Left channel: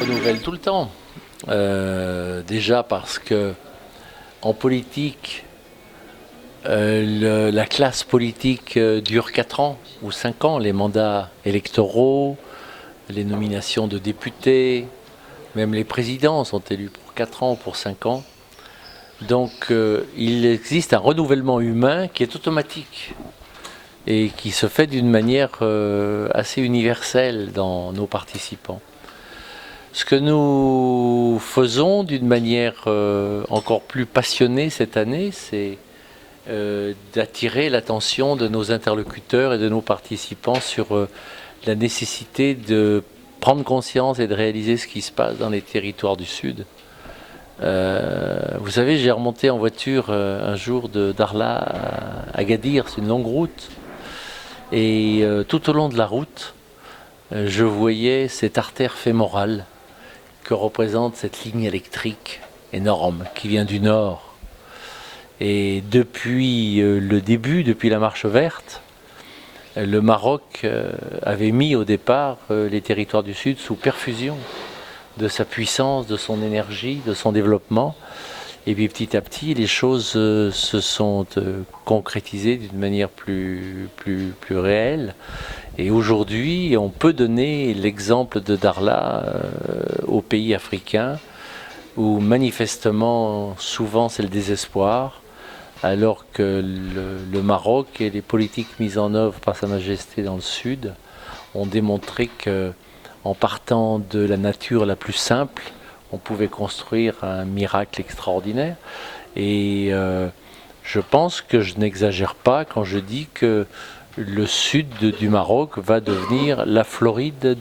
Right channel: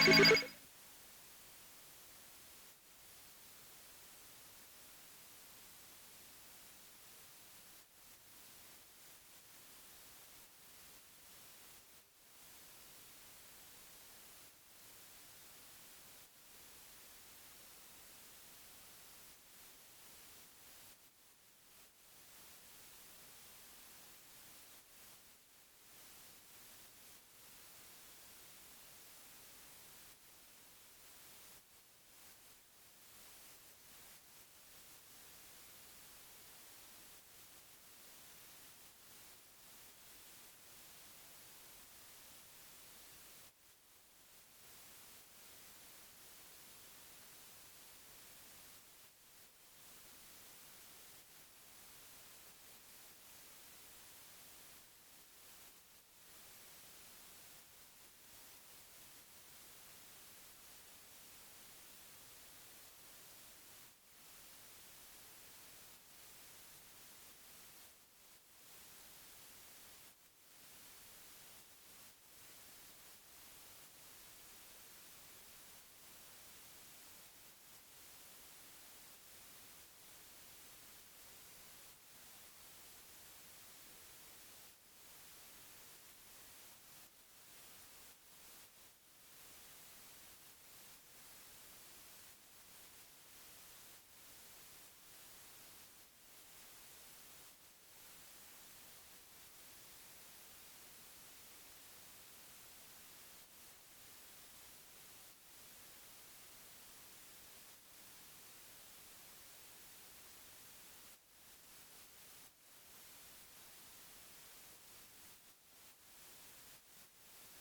Renouvelle tout le temps. Déjà parce que en politique, la classe politique dure 4 ans ou 5 ans, les mandats électoraux, les nominations de députés, même les présidents sont élus pour 4 ans ou pour 5 ans. Donc il existe un renouvellement humain qui est automatique et qui se fait d'une manière assez universelle dans nos participants. Ce que nous faisons d'une manière encore plus passionnée cette année, c'est d'attirer l'attention de nos interlocuteurs et de nos participants sur la nécessité de prendre conscience et de réaliser ce qui se passe dans les territoires du Sud. Vous savez, j'ai remonté en voiture un jour de Darla à Agadir, c'est une longue route. Et tout au long de la route, je voyais cette artère fémorale que représente cette ligne électrique énorme qui vient du nord. Et depuis le début, depuis la marche verte, le Maroc avait mis au départ les territoires du Sud sous perfusion de sa puissance, de son énergie, de son développement. Et puis petit à petit, les choses se sont concrétisées d'une manière plus réelle. Et aujourd'hui, on peut donner l'exemple de Darla aux pays africains, où manifestement, souvent, c'est le désespoir, alors que le Maroc et les politiques mises en œuvre par Sa Majesté dans le Sud ont démontré qu'en partant de la nature la plus simple, on pouvait construire un miracle extraordinaire. Et je pense que je n'exagère pas quand je dis que le sud du Maroc va devenir la Floride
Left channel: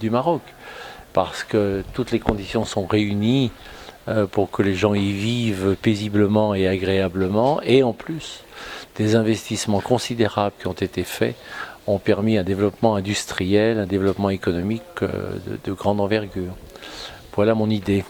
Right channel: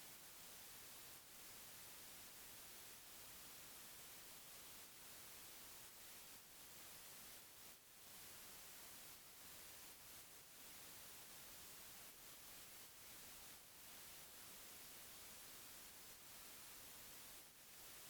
du Maroc. Parce que toutes les conditions sont réunies pour que les gens y vivent paisiblement et agréablement. Et en plus, des investissements considérables qui ont été faits ont permis un développement industriel, un développement économique de grande envergure. Voilà mon idée.